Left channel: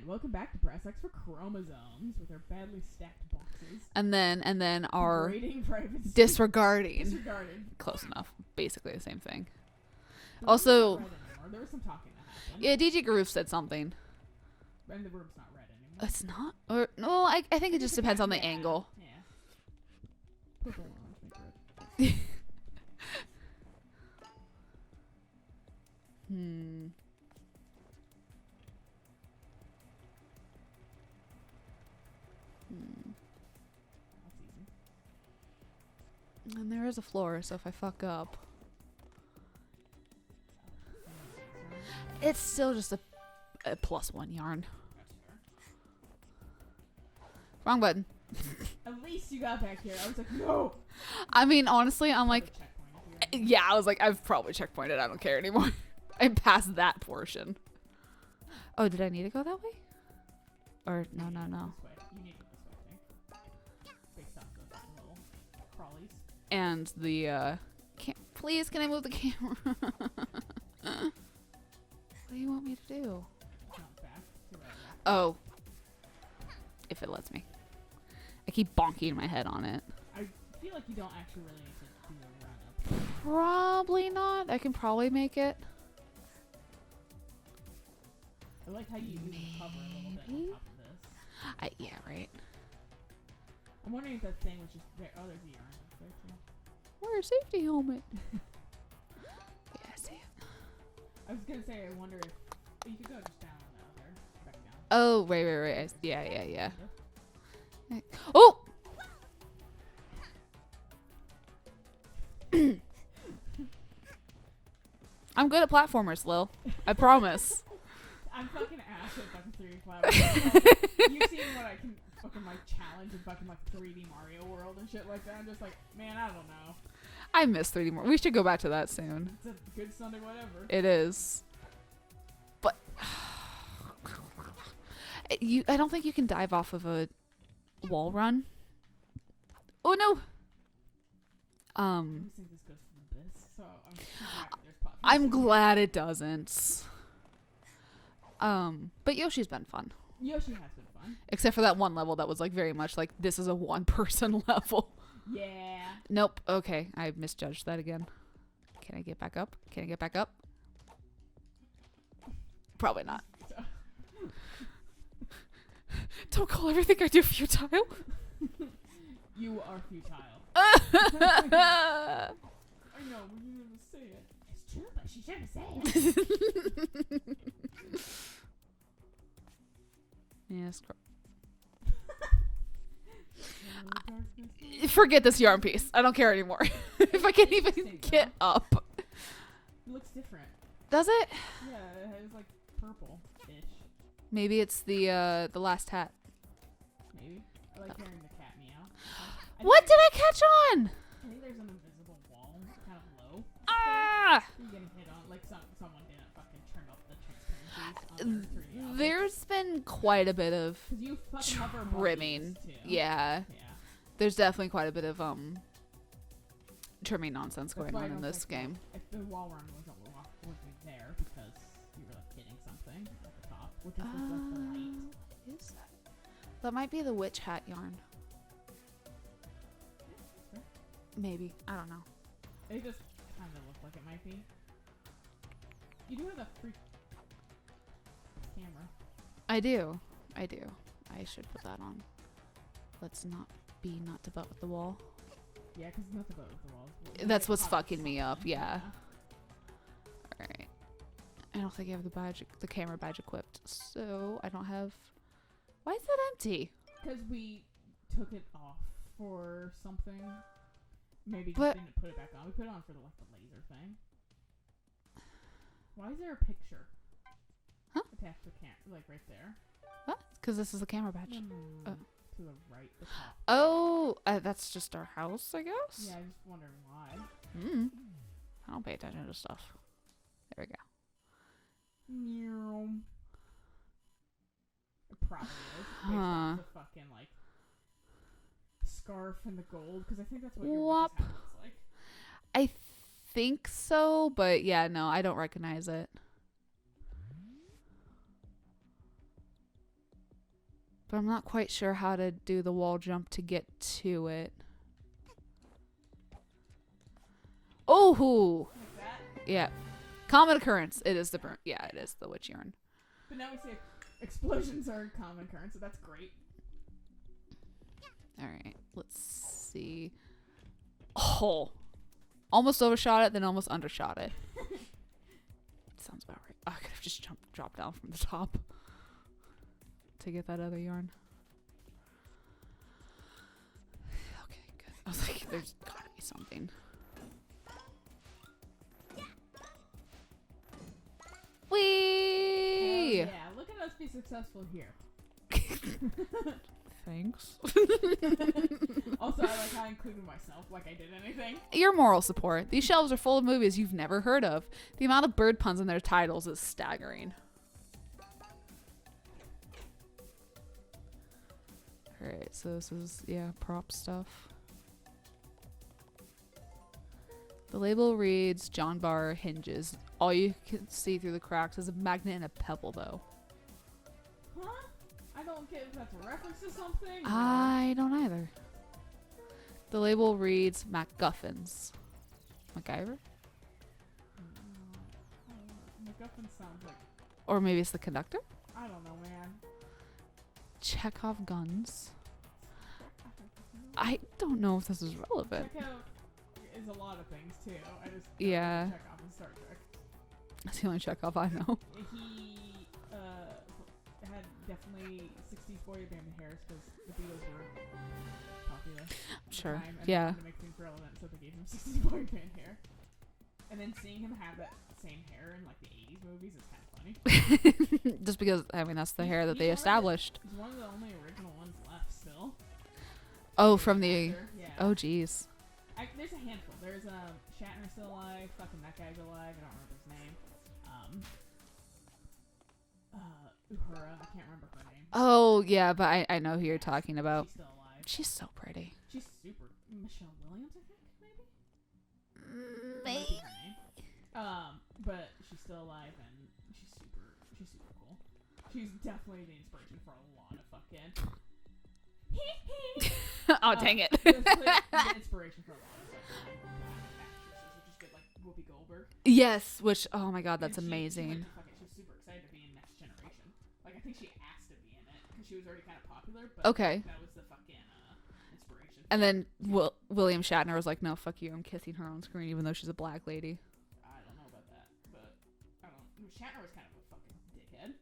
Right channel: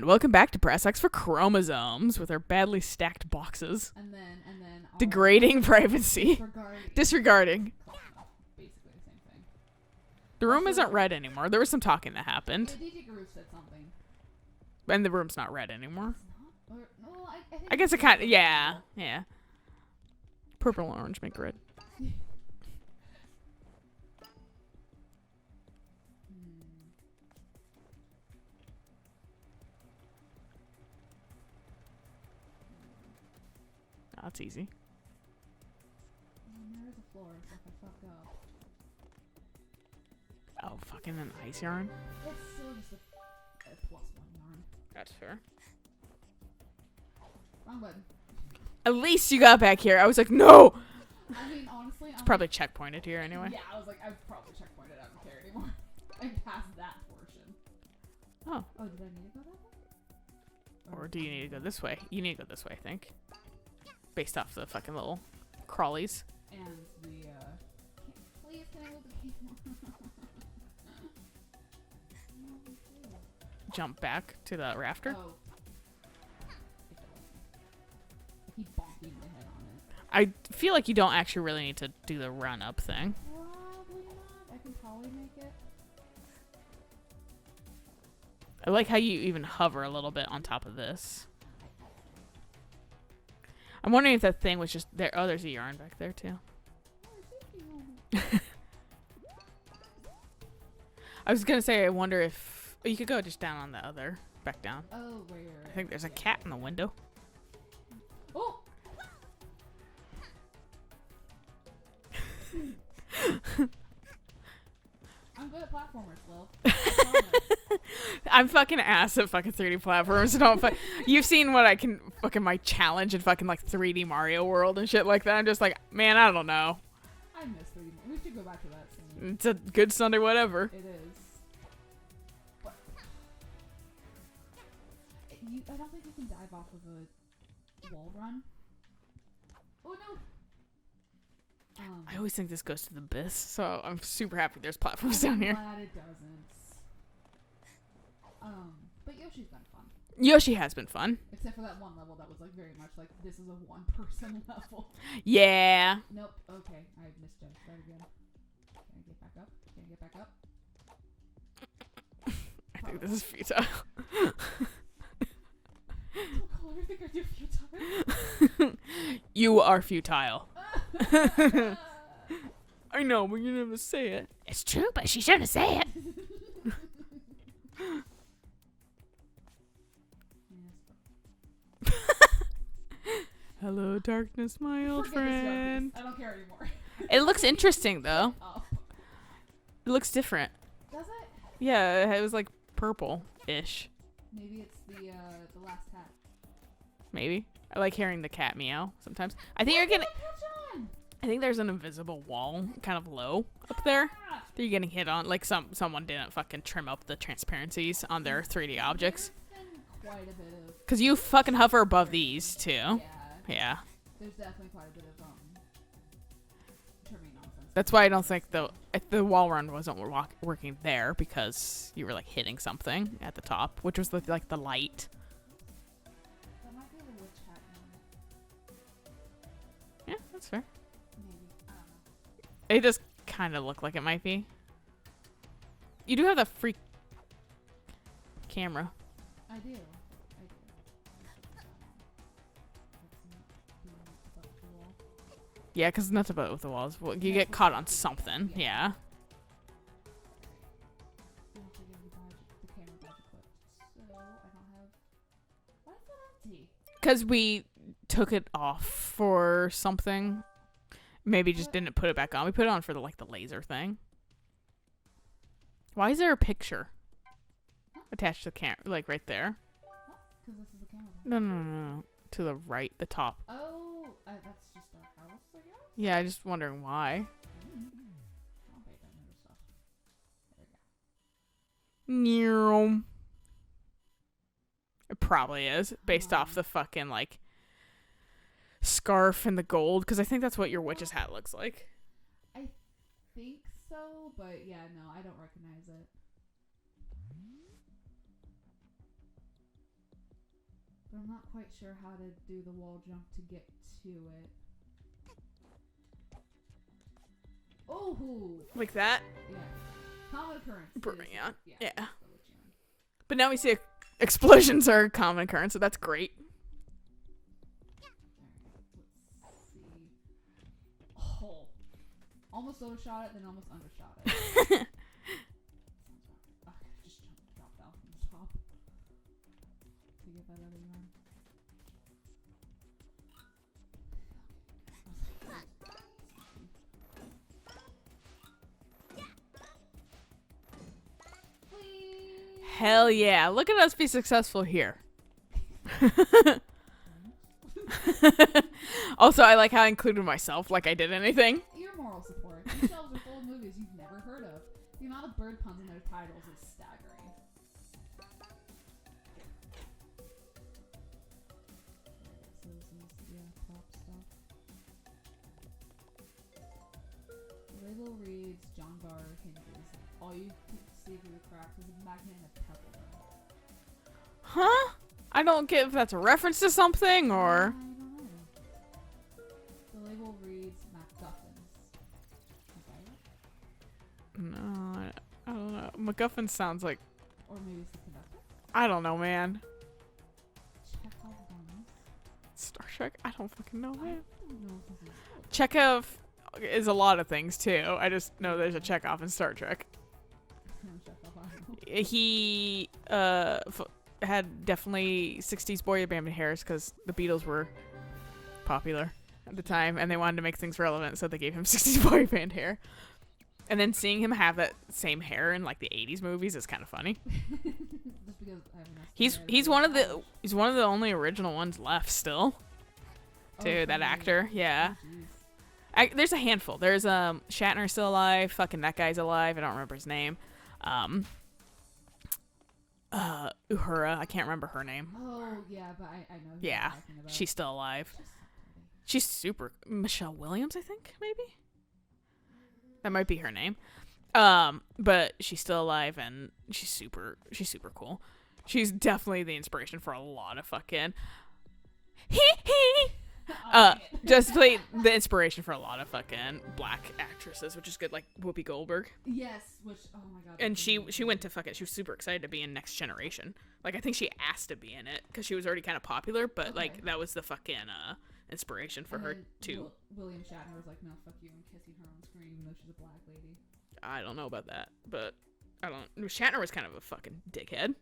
And welcome back to Press X for Chromosomes with our badly stacked boxes. And then our Degrading privacy. Disregarding. Close enough. Basically the same thing. The room Also, isn't red anymore. There was some talking that happened. Yeah, DJ Garoof said something. And the room's not red anymore. It's not? Or no, I think I guess it depends kind of, on the yeah. angle. Yeah. Purple and orange make red. Oh, that's easy. And there is a floor, so if I fuck up. Oh, fucking an ice yarn. It's still just a +1 yarn. That's fair. Wrong button. At least you got back here. I was like, no! I mean, honestly, I'm Probably like... checkpointed here anyway. Yeah, I was like, I've probably checkpointed. I don't care anymore. I'm past that portion. Oh, did I need to go that way? Or do you need to go this way? You need to go this way, I think. Based off the fucking little crawlies. And the, please, can I move the camera? What do you want me to do? Jump back to the rafter. Oh. If it lets me. I keep bonking my head on it. I feel like you don't actually really need to do the run-up thing. Probably not. I can probably make it. I like how you even hover a little bit on top of this. Yeah, right. I'm wondering if that thing was just there. Oh, there's a yarn back there, too. Where's safety helmet? Yeah, I see it. I was going to say, I wonder if... Oh, you could go just down on the other... Back down. Oh, right. I think there's a cat in the window. Oh! I'm good at platformers, Lil. I promise. I'm fucking ass at fucking 3D platformers. So you've seen what I can... Fucking my challenge in fucking like 3D Mario World and shit like that. I'm just like, man, I don't know. I miss 3D more. We should go back to that soon. It's a good Sunday whatever. It is. But... I don't think you can dive off of a wall run. Oh, no! I always think this goes to the abyss, so I'm super happy there's platforms I'm down glad it doesn't. But Yoshi's been fun. Yoshi has been fun. Except for that one level that was like very much like, this is a one-person level. Yeah. Nope. Okay. I misjudged that again. Can I get back up? Can I get back up? Probably not. This is futile. Don't call everything I do futile. You are futile. I know, but you never say it. It's true, but she shouldn't say it. Yes. Hello, darkness, my Forget old this yarn friend. piece. I don't care anymore. It looks interesting, though. Get up. It looks different. Does it? Yeah, it was like purple-ish. Maybe it's the last hat. Maybe. I like hearing the cat meow sometimes. What did I catch on? I think there's an invisible wall kind of low up there that you're getting hit on. Like someone didn't fucking trim up the transparencies on their 3D objects. There's been quite a bit of... Because you fucking hover above trimming. these too. Yeah. Yeah. There's definitely quite a bit of trimming nonsense. That's going why I on don't in think this game. the wall run wasn't working there because you were like hitting something at the top, which was like the light. Is that? That might be the witch hat yarn. Yeah, that's fair. Maybe. I don't know. It does kind of look like it might be. You do have the freak camera. I do. I should put that on. Let's not devote with the wall. Yeah, because nothing but with the walls. Well, you That's get what's caught on fucking me something. up, yeah. Yeah. Alright. I don't think I have the camera badge equipped, so I don't have... Why is that empty? Because we took it off for something. Maybe just What? didn't put it back on. We put it on for the laser thing. Why is there a picture? Huh? Attached to the camera, like right there. Huh? Because this is the camera badge. No. Oh. To the right, the top. Oh, that's just our house, I guess? Yeah, I'm just wondering why. I don't pay attention to stuff. There we go. Neural. It probably is based off Huh. the fucking scarf and the gold, because I think that's what your witch's hat looks like. I think so, but yeah, no, I don't recognize it. But I'm not quite sure how to do the wall jump to get to it. Oh, Like that. yeah. Common occurrence. It is the Yeah. it is the witch urn. But now we see explosions are a common occurrence, so that's great. All right, let's see. Oh, almost overshot it, then almost undershot it. Sounds about right. I could have just dropped down from the top to get that other yarn. Okay, good. I was like, there's gotta be something. Whee! Hell yeah! Look at us be successful here. Thanks. Also, I like how I included myself, like I did anything. Your moral support. These shelves are full of movies you've never heard of. The amount of bird puns in their titles is staggering. Alright, so this is, prop stuff. The label reads John Bar hinges. All you can see through the cracks is a magnet and a pebble, though. Huh? I don't get if that's a reference to something or... I don't either. The label reads MacGuffins. MacGyver? No, I don't know. MacGuffin sounds like... Or maybe it's the conductor? I don't know, man. Chekhov guns. Star Trek? I don't fucking know. I don't know if this is relevant. Chekhov is a lot of things, too. I just know there's Yeah. a Chekhov in Star Trek. That's the only Chekhov I know. He had definitely 60s boy band hairs because the Beatles were popular at the Sure. time, and they Yeah. wanted to make things relevant, so they gave him 60s boy band hair. And then seeing him have that same hair in like the 80s movies is kind of funny. Just because, I mean, that's the hair that he's they one established. he's one of the only original ones left still. Oh, too, from that the actor, yeah. Oh, jeez. There's a handful. There's Shatner still alive. Fucking that guy's alive. I don't remember his name. Uhura. I can't remember her name. Oh, yeah, but I know who you're Yeah, talking about. She's still alive. She's so pretty. She's super. Michelle Williams, I think, maybe. That might be her name. But she's still alive and she's super cool. She's definitely the inspiration for a lot of fucking. Oh, dang it. Just like the inspiration for a lot of fucking black actresses, which is good, like Whoopi Goldberg. Yes, which, oh my god, that's And amazing. she went to fucking. She was super excited to be in Next Generation. Like I think she asked to be in it because she was already kind of popular, but like that was the fucking inspiration. For And her then to, William Shatner was like, "No, fuck you, I'm kissing her on screen, even though she's a black lady." I don't know about that, but I don't. Shatner was kind of a fucking dickhead.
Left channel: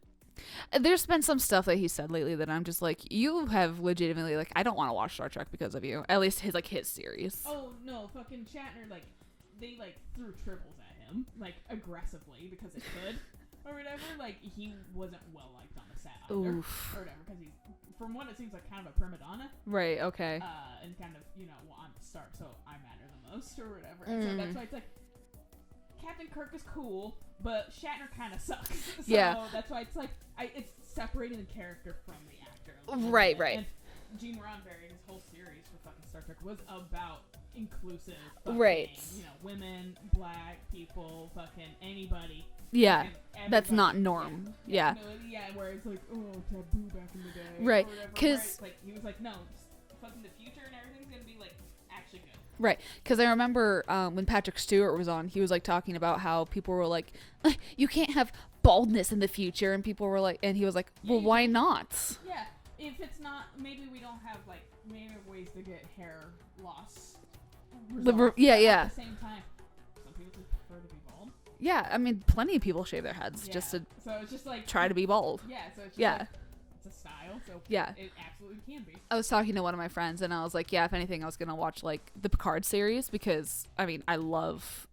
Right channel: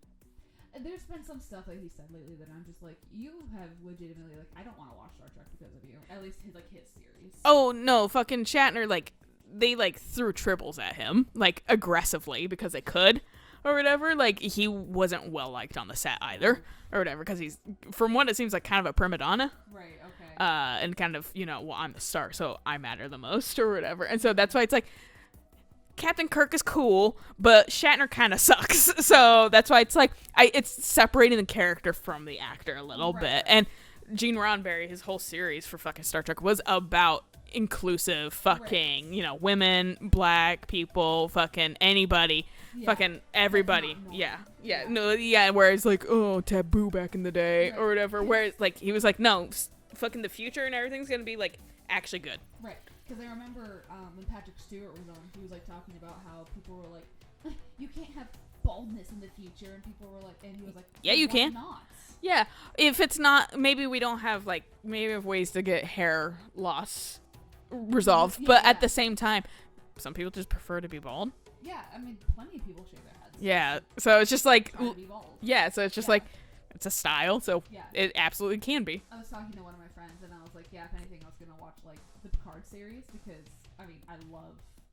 There's been some stuff that he said lately that I'm just like, you have legitimately like, I don't want to watch Star Trek because of you. At least his series. Oh no, fucking Shatner! Like they like threw triples at him, like aggressively because they could, or whatever. Like he wasn't well liked on the set either, Oof. or whatever. Because he's, from what it seems like, kind of a prima donna. Right. Okay. And kind of, well, I'm the star, so I matter the most, or whatever. And so that's why it's like. Captain Kirk is cool, but Shatner kind of sucks. So that's why it's like it's separating the character from the actor a little bit. Right. And Gene Roddenberry, his whole series for fucking Star Trek was about inclusive fucking, women, black people, fucking anybody, fucking everybody. That's not normal. Yeah. No, where it's like, oh, taboo back in the day or whatever. Where it's like he was like, no, fucking the future and everything's gonna be like actually good. Right, because I remember when Patrick Stewart was on, he was like talking about how people were like, you can't have baldness in the future, and people were like, and he was like, yeah, well, you why can. not? Yeah, if it's not, maybe we don't have maybe we have ways to get hair loss resolved, but at the same time, some people just prefer to be bald. Yeah, I mean, plenty of people shave their heads. Yeah, just to so it's just like try to be bald. Yeah, so it's just like it's a style, so yeah, it absolutely can be. I was talking to one of my friends, and I was like, yeah, if anything, I was gonna watch like the Picard series because I mean, I love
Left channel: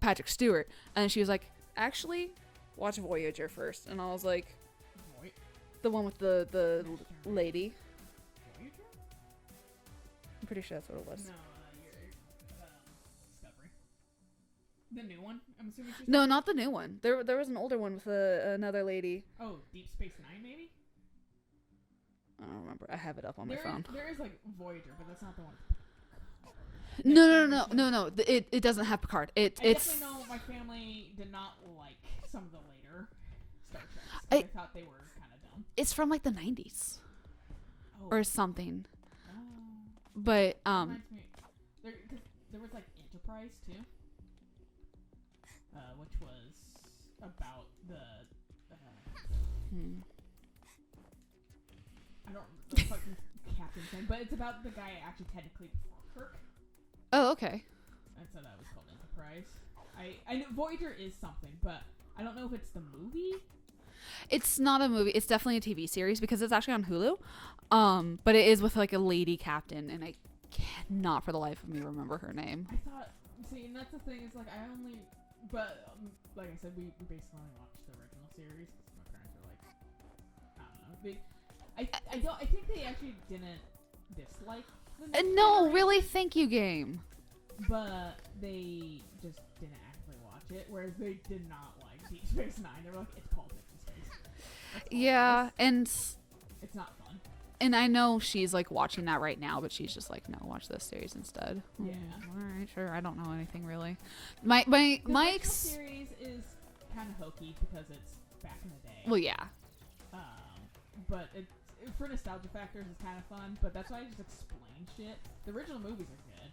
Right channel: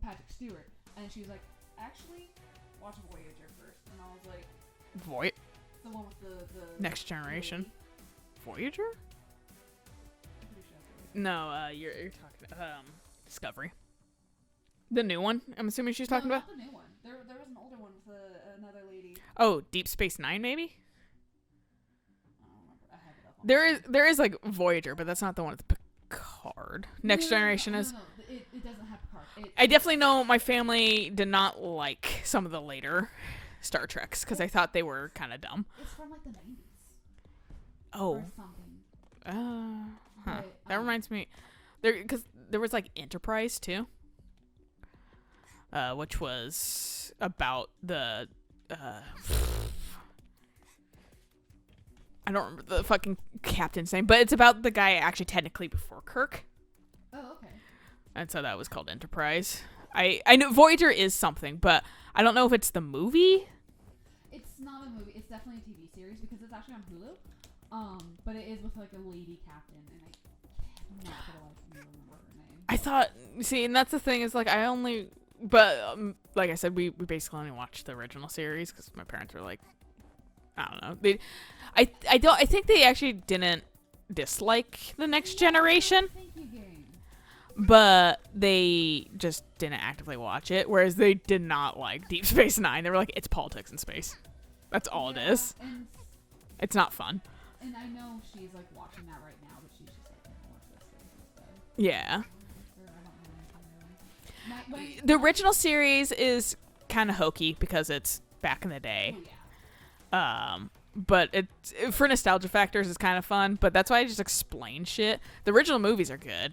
Patrick Stewart, and she was like, actually, watch Voyager first, and I was like, the one with the Next Generation lady. Voyager? I'm pretty sure that's what it was. No, you're talking about Discovery. The new one? I'm assuming she's talking No, about? not the new one. There was an older one with another lady. Oh, Deep Space Nine, maybe? I don't remember. I have it up on There my is phone. there is like Voyager, but that's not the one with Picard. Next Generation is. No. It doesn't have Picard. I definitely know my family did not like some of the later Star Treks because I thought they were kind of dumb. It's from like the 90s. Oh. Or something. But that reminds me, because there was like Enterprise too, which was about the. I don't remember the fucking captain's name, but it's about the guy actually technically before Kirk. Oh, okay. And so that was called Enterprise. I know Voyager is something, but I don't know if it's the movie. It's not a movie. It's definitely a TV series because it's actually on Hulu. But it is with like a lady captain, and I cannot for the life of me remember her name. I thought, see, and that's the thing is like but like I said, we basically only watched the original series because my parents were like, I don't know. I think they actually didn't dislike the Next Generation. Really, thank you, game. But they just didn't actively watch it, whereas they did not like Deep Space Nine. They were like, it's politics in space. That's all it is. And it's not fun. And I know she's like watching that right now, but she's just like, no, watch this series instead. Yeah. All right, sure. I don't know anything really. The original series is kind of hokey because it's back in the day. Well, yeah. But for nostalgia factors, it's kind of fun. But that's why I just explain shit. The original movies are good,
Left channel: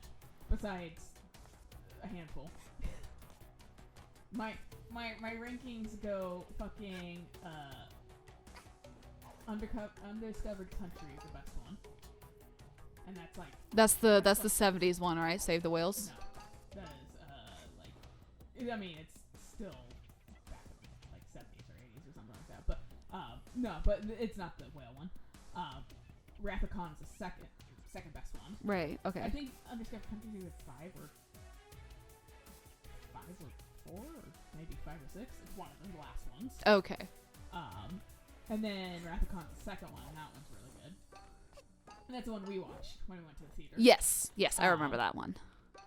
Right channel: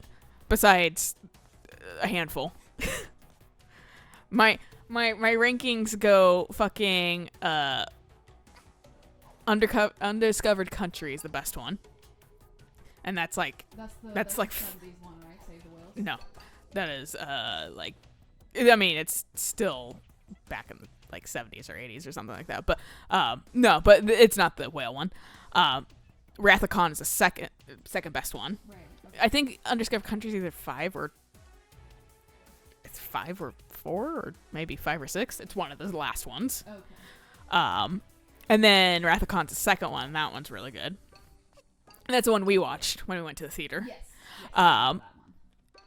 besides a handful. my rankings go fucking Undiscovered Country is the best one, and that's like that's the 70s one, right? Save the Whales. No, that is like, I mean, it's still back in like 70s or 80s or something like that, but no, but it's not the whale one. Wrath of Khan is the second best one. Right. Okay. I think Undiscovered Country is either 5 or 4 or maybe 5 or 6. It's one of the last ones. Okay. And then Wrath of Khan's the second one. And that one's really good. And that's the one we watched when we went to the theater. Yes, I remember that one.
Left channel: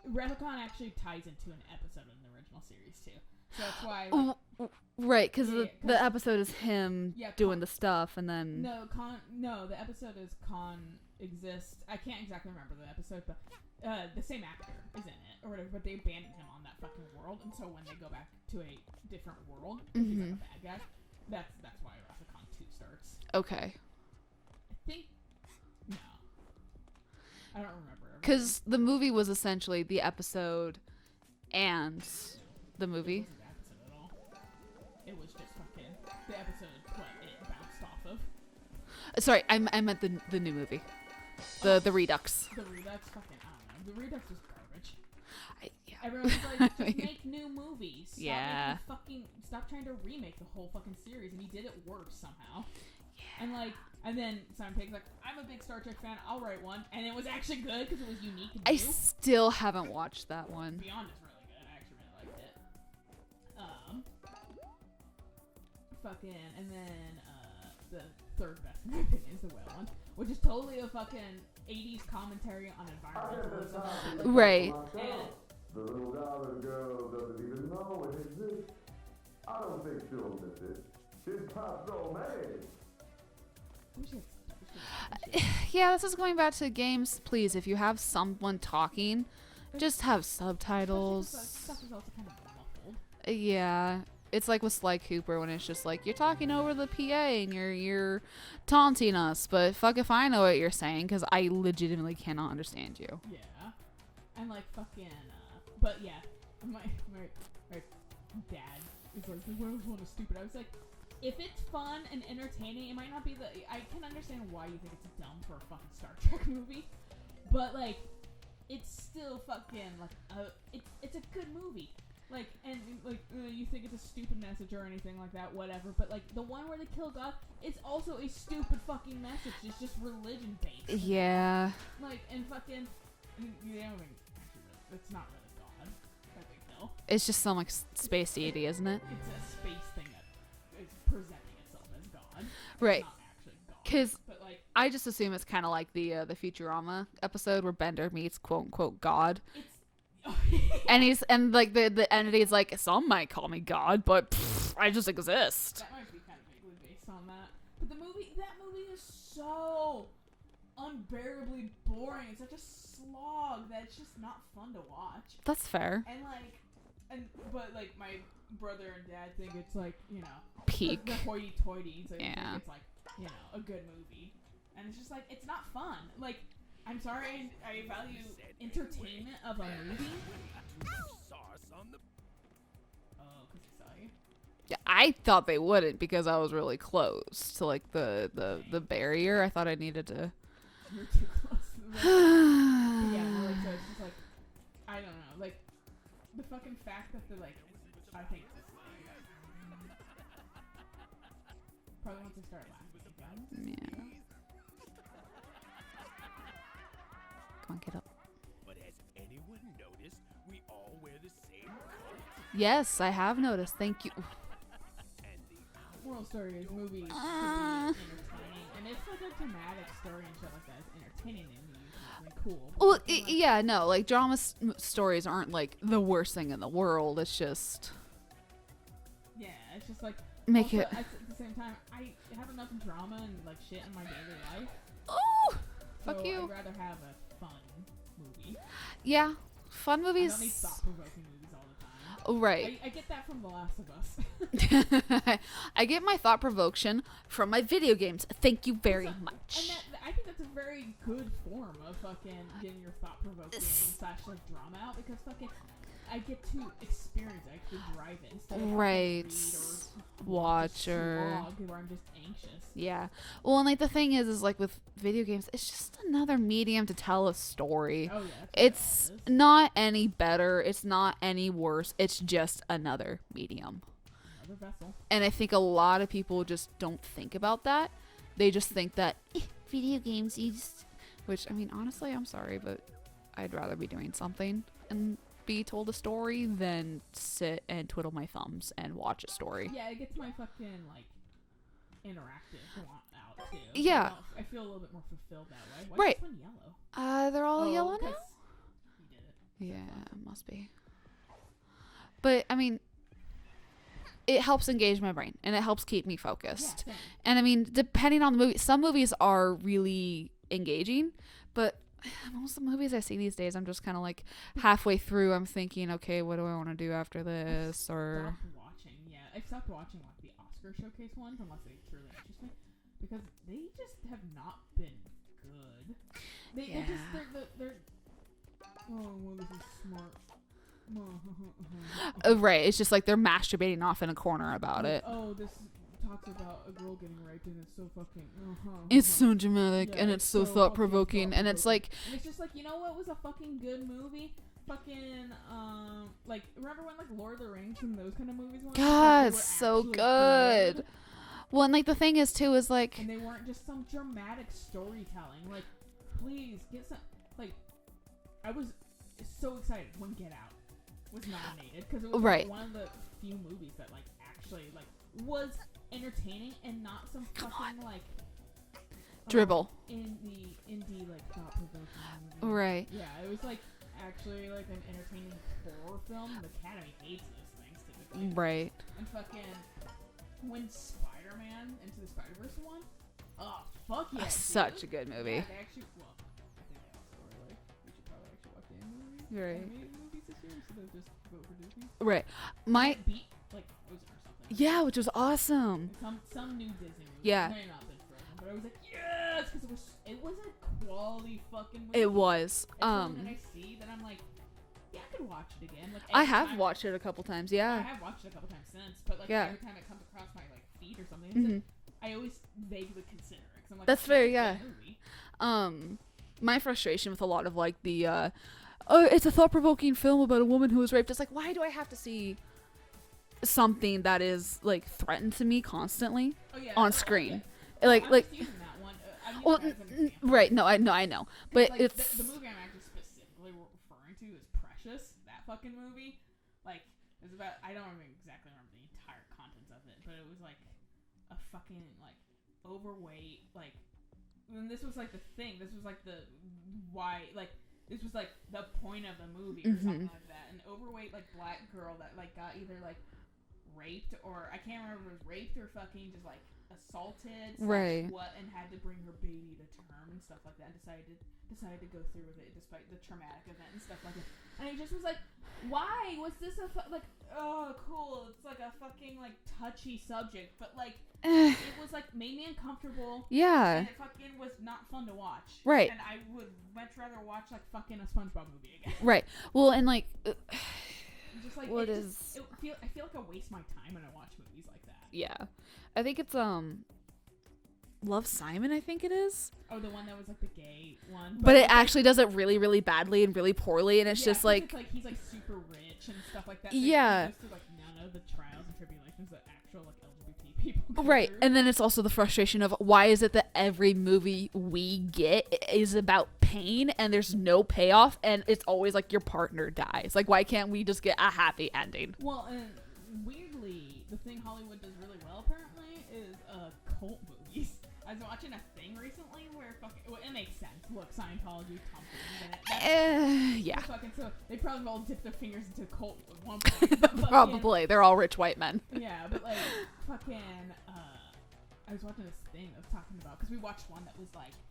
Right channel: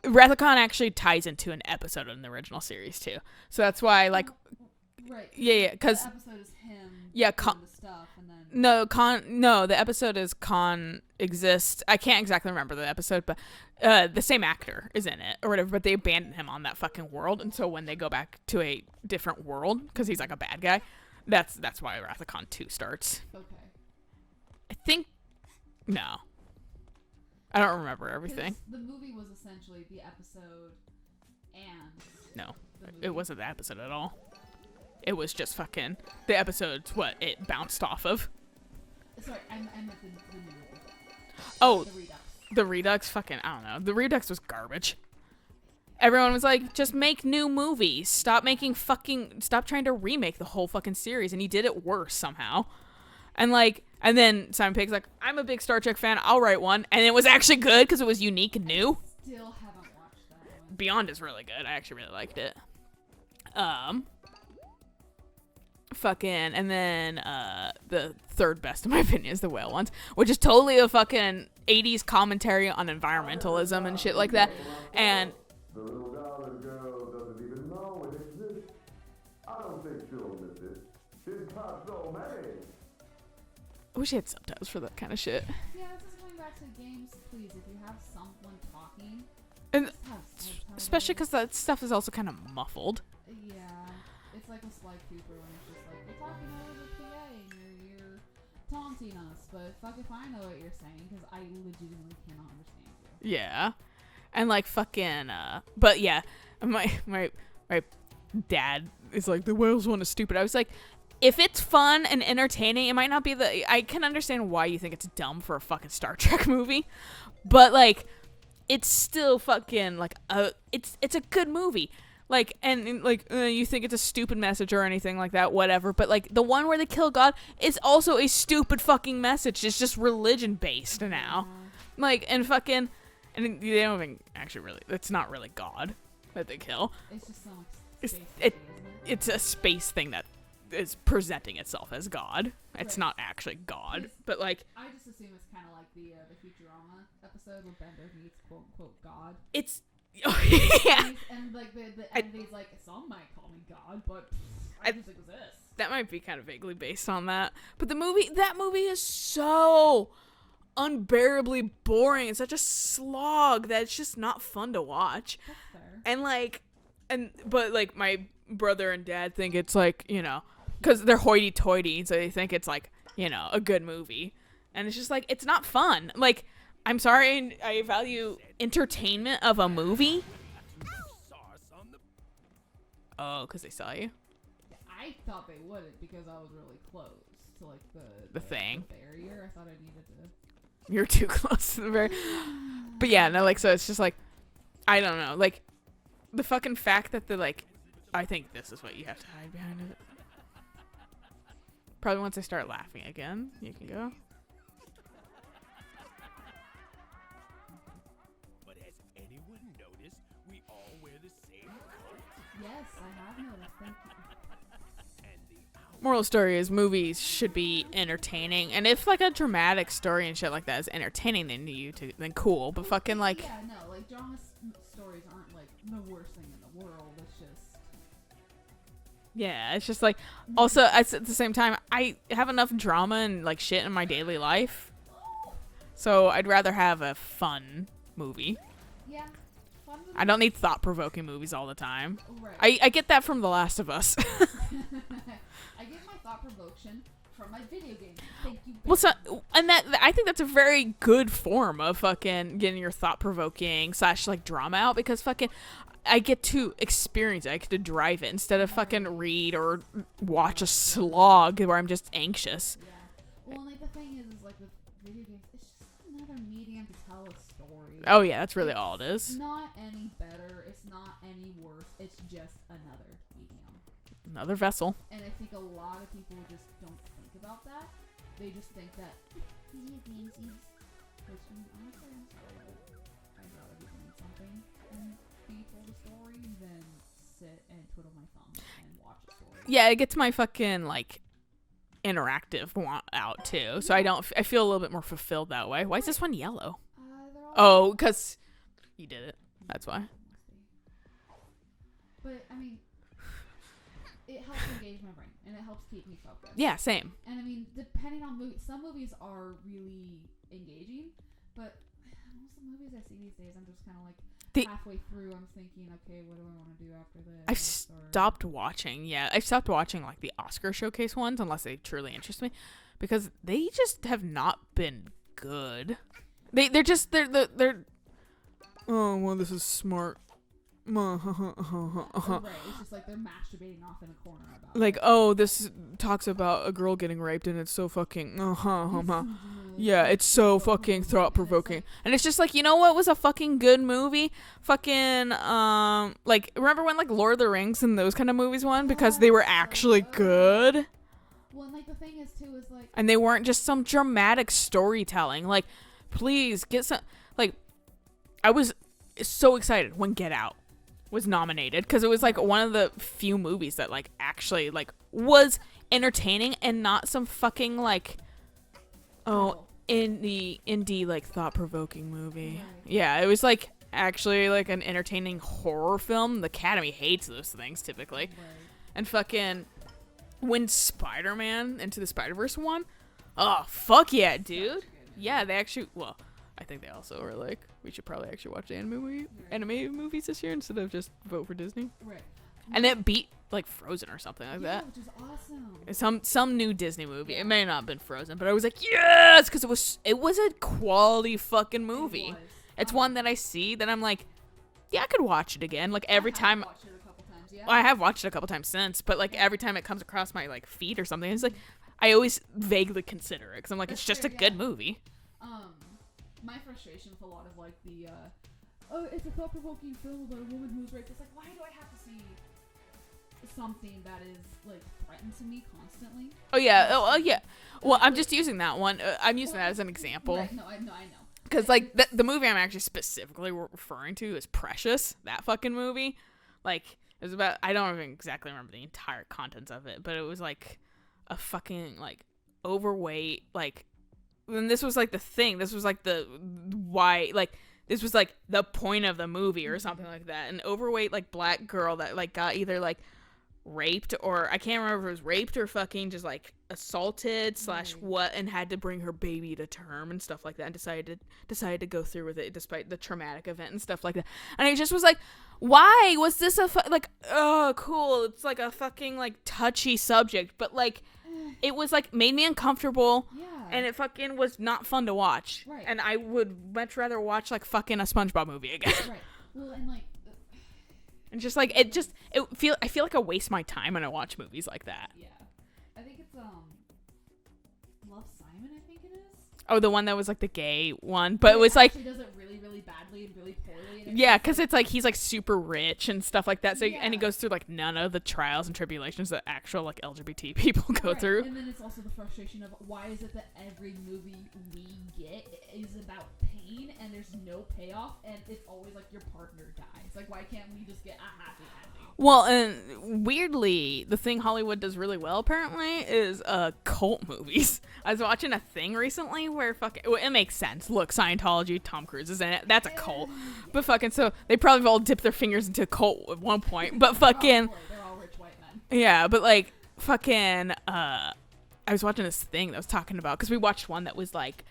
Wrath of Khan actually ties into an episode in the original series too. So that's why, like, right? Because the episode is him doing the stuff, and then the episode is Khan exists. I can't exactly remember the episode, but the same actor is in it or whatever. But they abandon him on that fucking world, and so when they go back to a different world, because he's like a bad guy, that's why Wrath of Khan 2 starts. Okay. I think no. I don't remember everything. Because the movie was essentially the episode and the movie. It wasn't the episode at all. It was just fucking the episode's what it bounced off of. Sorry, I meant the new movie. The Redux. The Redux, fucking, I don't know. The Redux was garbage. Everyone was like, just make new movies. Stop stop trying to remake the whole fucking series. And he did it worse somehow. And then Simon Pegg's like, I'm a big Star Trek fan. I'll write one. And it was actually good because it was unique and new. I still haven't watched that one. Beyond is really good. I actually really liked it. And then the third best in my opinion is the whale ones, which is totally a fucking 80s commentary on environmentalism and shit like that. Right. And the little darling girl doesn't even know it exists. I don't think she'll miss it. She's got so many. I wish I had subtitles for that kind of shit. Yeah, this is going back to games. Please, if you have someone talking, just have subtitles. Especially because that stuff is also kind of muffled. Yeah. It's like with Sly Cooper when it's just like, you're talking over the PA and you're taunting us, but fuck if I know what you're saying because I legitimately cannot understand you. Yeah. And like fucking, but yeah, my dad is like, the whales one is stupid. I was like, if it's fun and entertaining, it might not be I can understand why you think it's dumb for a fucking Star Trek movie, but like, it's still fucking like, it's a good movie. Like, and like, you think it's a stupid message or anything like that, whatever. But like, the one where they kill God is also a stupid fucking message. It's just religion based now. Like, and fucking, and they don't even actually really, it's not really God that they kill. It's just some like space deity, isn't it? It's a space thing that is presenting itself as God. It's not actually God. But like, I just assume it's kind of like the Futurama episode where Bender meets quote unquote God. It's. Yeah. And like the entity is like, some might call me God, but I just exist. That might be kind of vaguely based on that. But that movie is so unbearably boring. It's such a slog that it's just not fun to watch. That's fair. And like, but like my brother and dad think it's like, peak. because they're hoity-toity, so they think Yeah. it's like, you know, a good movie, and it's just like it's not fun. Like, I'm sorry, I value entertainment of a movie. Oh, because they saw you. Yeah, I thought they wouldn't because I was really close to like the thing. barrier. I thought I needed to. You're too close to the very. But yeah, no, like, so it's just like, I don't know, like, the fucking fact that they're like, I think this is what you have to hide behind it. Probably once I start laughing again. There you go. Come on, get up. But has anyone noticed we all wear the same coat? Yes, I have noticed. Thank you. And the Moral story is movies should be entertaining, and if like a dramatic story and shit like that is entertaining, then cool. But Well, fucking like, yeah, no, like drama stories aren't like the worst thing in the world. It's just yeah, it's just like. Make Also, it- at the same time, I have enough drama and like shit in my daily life, oh, so Okay. I'd rather have a fun movie. yeah, fun movies. I don't need thought-provoking movies all the time. Oh, right. I get that from The Last of Us. I get my thought provocation from my video games. Thank you very Well, so- much. and that I think that's a very good form of fucking getting your thought-provoking / like drama out, because fucking I get to experience it. I get to drive it instead of fucking Right. read or watch a Watch or- slog where I'm just anxious. Yeah. Well, and like the thing is like with video games, it's just another medium to tell a story. Oh yeah, that's really It's all it is. not any better. It's not any worse. It's just another medium. Another vessel. And I think a lot of people just don't think about that. They just think that video games is, which I mean, honestly, I'm sorry, but I'd rather be doing something and be told a story than sit and twiddle my thumbs and watch a story. Yeah, it gets my fucking like interactive want out too, so Yeah. I feel a little bit more fulfilled that way. Why is Right. this one yellow? They're all Oh, yellow now? because you did it. That's why. It must be. But I mean, it helps engage my brain and it helps keep me focused. Yeah, same. And I mean, depending on the movie, some movies are really engaging, but most of the movies I see these days, I'm just kind of like halfway through, I'm thinking, okay, what do I want to do after this? I've stopped watching. Yeah, I've stopped watching like the Oscar showcase ones unless they truly interest me, because they just have not been good. They're just they're. Oh well, this is smart. Right, it's just like they're masturbating off in a corner about Like, it. oh, this talks about a girl getting raped and it's so fucking It's so dramatic. yeah, and it's so fucking thought-provoking, thought-provoking. and it's like, And it's just like, you know what was a fucking good movie? Fucking like, remember when like Lord of the Rings and those kind of movies won because they were God, so actually good. good well, and like the thing is too is like, and they weren't just some dramatic storytelling. Like, please get some. Like, I was so excited when Get Out was nominated because it was like Right. one of the few movies that like actually like was entertaining and not some fucking like Dribble. in the indie like thought-provoking movie. Right. Yeah, it was like actually like an entertaining horror film. The Academy hates those things typically. right. And fucking when Spider-Man Into the Spider-Verse won, oh fuck yeah, dude. Such a good movie. Yeah, they actually, well, I think they also were like, we should probably actually watch the Right. anime movies this year instead of just vote for Disney. Right. And it beat like Frozen or something like yeah, that. which was awesome. Some new Disney movie. Yeah. It may not have been Frozen, but I was like, yes, because it was a quality fucking movie. It was. It's one that I see that I'm like, yeah, I could watch it again. Like every I have time. watched it a couple times. Yeah. Well, I have watched it a couple times since, but like Yeah. every time it comes across my like feed or something, it's like I always vaguely consider it because I'm like, That's it's just fair, a yeah. good movie. My frustration with a lot of like the it's a thought-provoking film about a woman who was raped. It's like, why do I have to see something that is like threatened to me constantly? Oh yeah, On screen. yeah. Well, Like- I'm like- just using that one. I'm using that as an example, Right? No, I know. Because But like it's- the movie I'm actually specifically referring to is Precious. That fucking movie, like it was about. I don't even exactly remember the entire contents of it, but it was like a fucking like overweight like. And this was like the thing. This was like the why like. This was like the point of the movie or something like that. An overweight like black girl that like got either like raped or I can't remember if it was raped or fucking just like assaulted / Right. what, and had to bring her baby to term and stuff like that, and decided to go through with it despite the traumatic event and stuff like that. And it just was like, why was this like, oh, cool. It's like a fucking like touchy subject, but like it was like made me uncomfortable. Yeah. And it fucking was not fun to watch. Right. And I would much rather watch like fucking a SpongeBob movie again. Right. Well, and like and just like What I feel like I waste my time when I watch movies like that. yeah. I think it's Love, Simon, I think it is. Oh, the one that was like the gay one, But it it was actually does it really, really badly and really poorly, and it's yeah, just because like, it's like he's like super rich and stuff like that. So and Yeah. he goes through like none of the trials and tribulations that actual like LGBT people go right. through. And then it's also the frustration of why is it that every movie we get is about pain and there's no payoff, and it's always like your partner dies. Like, why can't we just get a happy ending? Well, and weirdly, the thing Hollywood does really well apparently is cult movies. I was watching a thing recently where it makes sense. Look, Scientology, Tom Cruise is in it. That's a cult. Yeah. But fucking so they probably all dipped their fingers into a cult at one point. But fucking Probably. They're all rich white men. yeah, but like fucking I was watching this thing that was talking about because we watched one that was like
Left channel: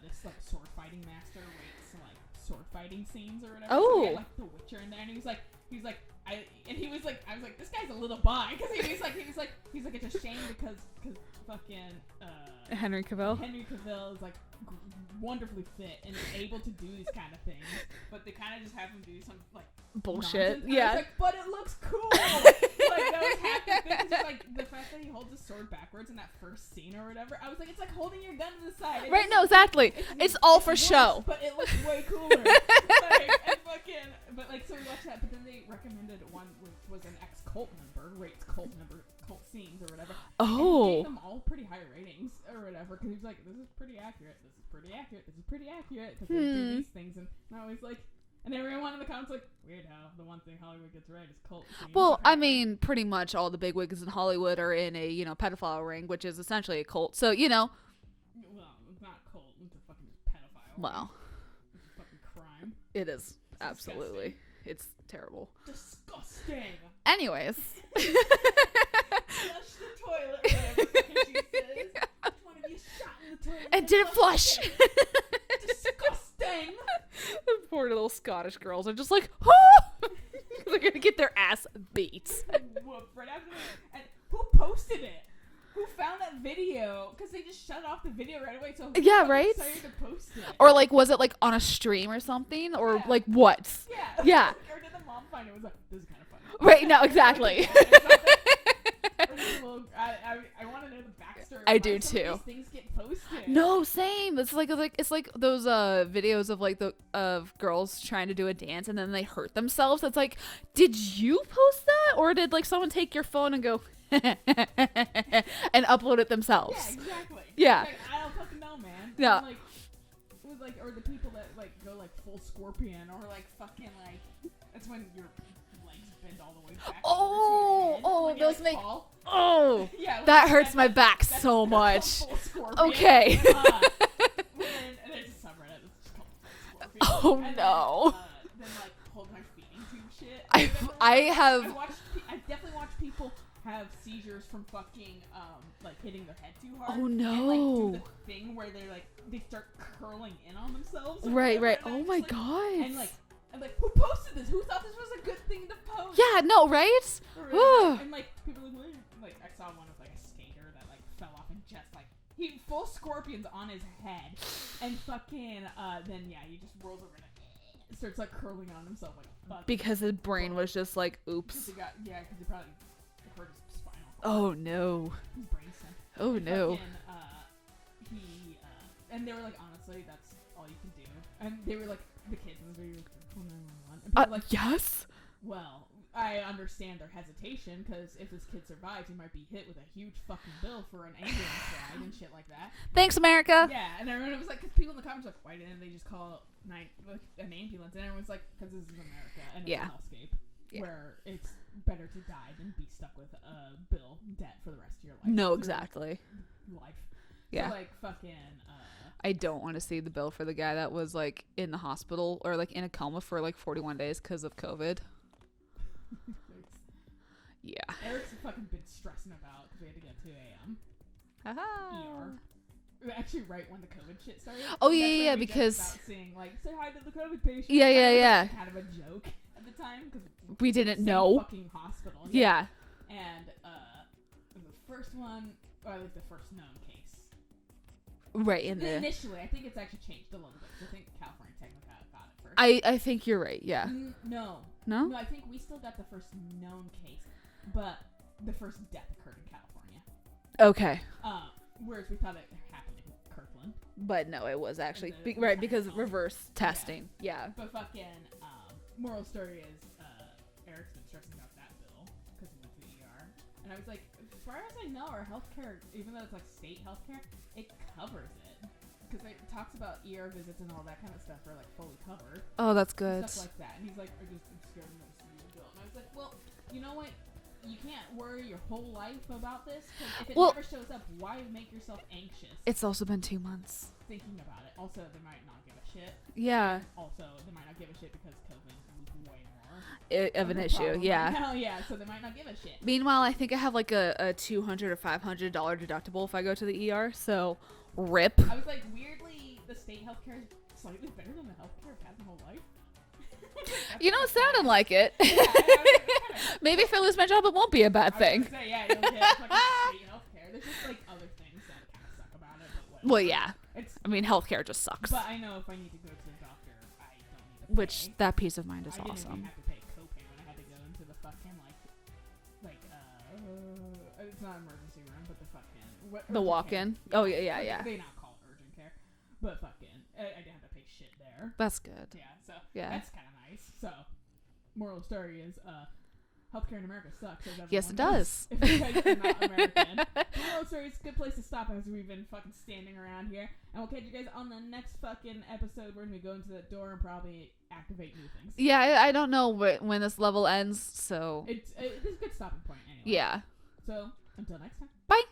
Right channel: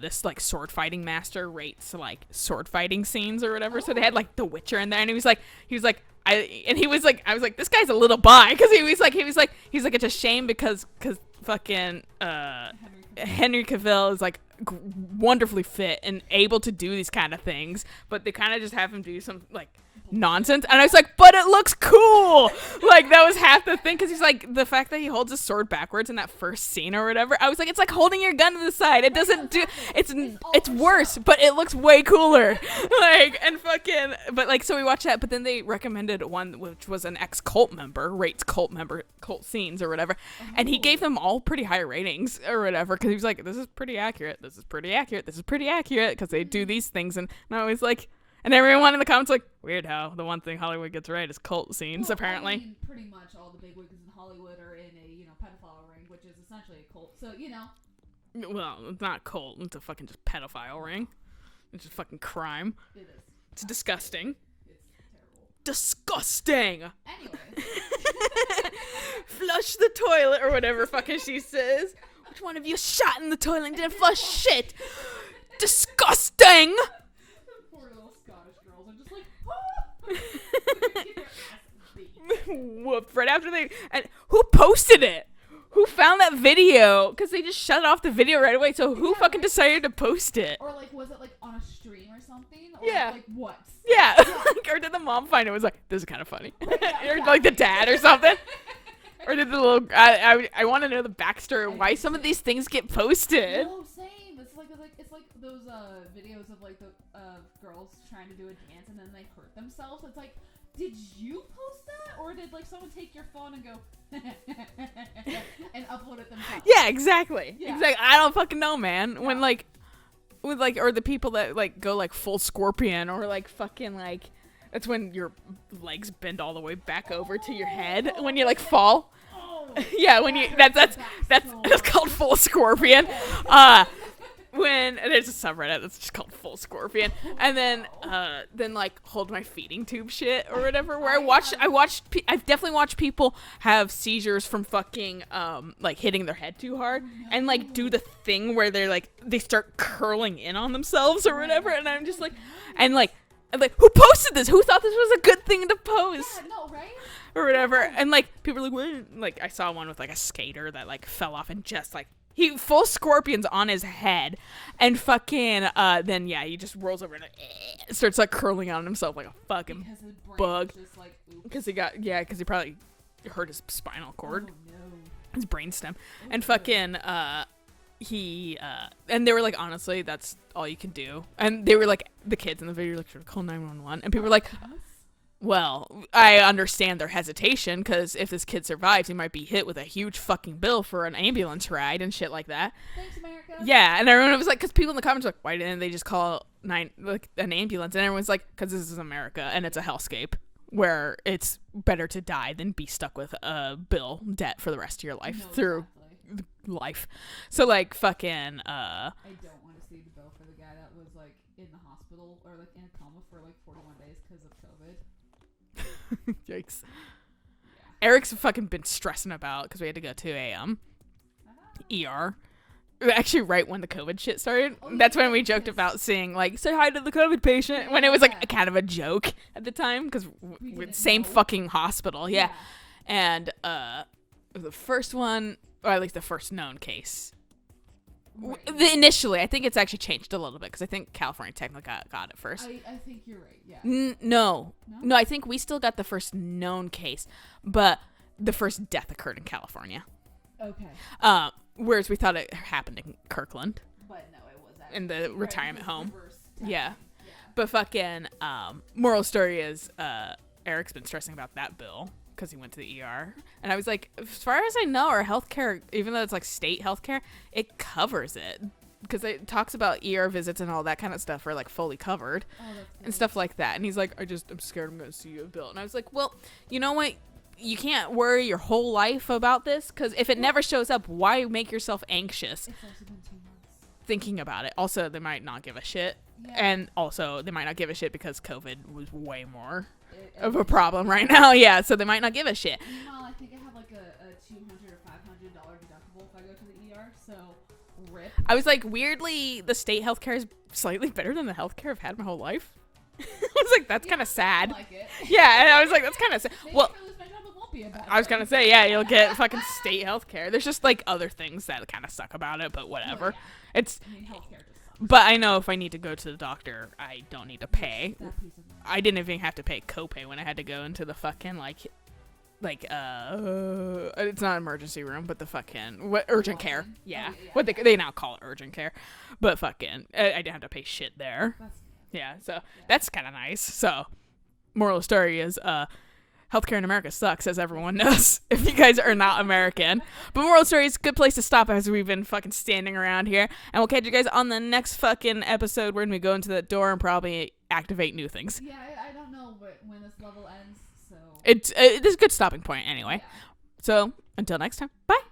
this like sword fighting master rates like sword fighting scenes or whatever. So they had Oh. like The Witcher in there, and he was like I was like this guy's a little bi because he was like it's a shame because fucking Henry Cavill. Henry Cavill is like wonderfully fit and able to do these kind of things, but they kind of just have him do some like Bullshit. nonsense. And I was Yeah. like, but it looks cool. Like that was half the thing because he's like the fact that he holds his sword backwards in that first scene or whatever. I was like, it's like holding your gun to the side. It Right, doesn't no, exactly. It's all it's for worse, show. but it looks way cooler. Like and fucking. But like so we watched that, but then they recommended one which was an ex cult member rates cult scenes or whatever, and he gave Oh. them all pretty high ratings or whatever because he was like, this is pretty accurate. This is pretty accurate. This is pretty accurate because they do these things, and I was like, and everyone in the comments like, weird how the one thing Hollywood gets right is cult scenes. Well, apparently. I mean, pretty much all the bigwigs in Hollywood are in a, pedophile ring, which is essentially a cult. So, well, it's not cult. It's a fucking just pedophile No. ring. It's just fucking crime. it is. It's disgusting. It's terrible. Disgusting. Anyways. Flush the toilet or whatever fucking she says. Which one of you shot in the toilet and, didn't flush it. Disgusting. Poor little Scottish girls are just like, oh! They're gonna get their ass beat. Whooped right after they. And who posted it? Who found that video? Because they just shut off the video right away. So who Yeah, fucking right? decided to post it? Or like, was it like on a stream or something? Or Yeah. like what? Yeah. Yeah. Or did the mom find it? Was like, this is kind of funny. Right, no, Or, like the exactly. dad or something. Or did the little? I want to know the backstory I of why do some of too. these things get posted. No, same. It's like those videos of like of girls trying to do a dance and then they hurt themselves. It's like, did you post that, or did like someone take your phone and go and upload it themselves? Yeah, exactly. Yeah. It's like, I don't fucking know, man. Yeah. When like, with like, or the people that like go like full scorpion or like fucking like, that's when your legs bend all the way back over to your head when you like those things- fall. Oh, Yeah, when that you, hurts my that's, back that's, so that's much. called full scorpion. Okay. When there's a subreddit that's just called full scorpion, Oh, and no. then like hold my feeding tube shit or whatever. Where I've definitely watched people have seizures from fucking like hitting their head too hard, Oh, and like do no. the thing where they're like they start curling in on themselves or Right, whatever, right. and I'm Oh just my like, God. and like. I'm like, who posted this? Who thought this was a good thing to post? Yeah, no, right? Or whatever. Ugh. And like people are like, what? Like I saw one with like a skater that like fell off and just like he full scorpions on his head, and fucking then yeah he just rolls over and like, starts like curling on himself like a fucking Because his brain bug. was just like, oops. because he probably hurt his spinal cord, Oh no. his brainstem, Oh, and no. fucking he and they were like, honestly, that's all you can do. And they were like, the kids in the video were like, should I call 911? And people were like, yes. well, I understand their hesitation because if this kid survives, he might be hit with a huge fucking bill for an ambulance ride and shit like that. Thanks, America. Yeah, and everyone was like, because people in the comments were like, why didn't they just call an ambulance? And everyone's like, because this is America and it's a Yeah. hellscape where it's better to die than be stuck with a bill debt for the rest of your life. No, through exactly. life. So Yeah. like fucking I don't want to see the bill for the guy that was like in the hospital or like in a coma for like 41 days because of COVID. yikes. Yeah. Eric's fucking been stressing about because we had to go to a ER actually right when the COVID shit started. Oh, yeah, That's when yeah, we joked because- about saying like, say hi to the COVID patient. Yeah, when yeah, it was yeah. like kind of a joke at the time because We didn't same know. fucking hospital. Yeah. Yeah. And the first one, or at least the first known case. Right. in The there. initially, I think it's actually changed a little bit because I think California technically got it first. I think you're right. Yeah. No. No? No, I think we still got the first known case, but the first death occurred in California. Okay. Whereas we thought it happened in Kirkland. But no, it was actually the right, retirement because home. reverse Yeah. testing. Yeah. But fucking, moral story is, Eric's been stressing about that bill because he went to the ER. And I was like, as far as I know, our healthcare, even though it's like state healthcare, it covers it. Because it talks about ER visits and all that kind of stuff are like fully covered. Oh, that's good. And stuff like that. And he's like, I'm scared I'm going to see a bill. And I was like, well, you know what? You can't worry your whole life about this because if it Well- never shows up, why make yourself anxious It's also been 2 months. thinking about it? Also, they might not give a shit. Yeah. And also, they might not give a shit because COVID was way more Of of a an issue, problem yeah. right now. Yeah, so they might not give a shit. Meanwhile, I think I have like a $200 or $500 deductible if I go to the ER. So, rip. I was like, weirdly, the state healthcare is slightly better than the healthcare I've had my whole life. I was like, that's You kind don't of sad. sound like it. Yeah, and I was like, that's kind of sad. Maybe Well, if I lose my job, it won't be a bad thing. I was gonna say, yeah, you'll get fucking state healthcare. There's just like other things that kind of suck about it, but whatever. Well, yeah. It's. I mean, healthcare just sucks. But I know if I need to go to the doctor, I don't need to pay. Which, that peace of mind is I didn't awesome. even have to pay copay when I had to go into the fucking it's not emergency room, but the fucking urgent care. walk-in? Oh, yeah, What yeah. they now call it urgent care, but fucking I didn't have to pay shit there. That's good. Yeah, so Yeah. that's kind of nice. So, moral of the story is, healthcare in America sucks, as everyone it knows. does. If you guys are not American, but moral of the story is a good place to stop as we've been fucking standing around here, and we'll catch you guys on the next fucking episode when we go into that door and probably activate new things. Yeah, I don't know when this level ends, so It's a good stopping point anyway. yeah. So until next time, bye.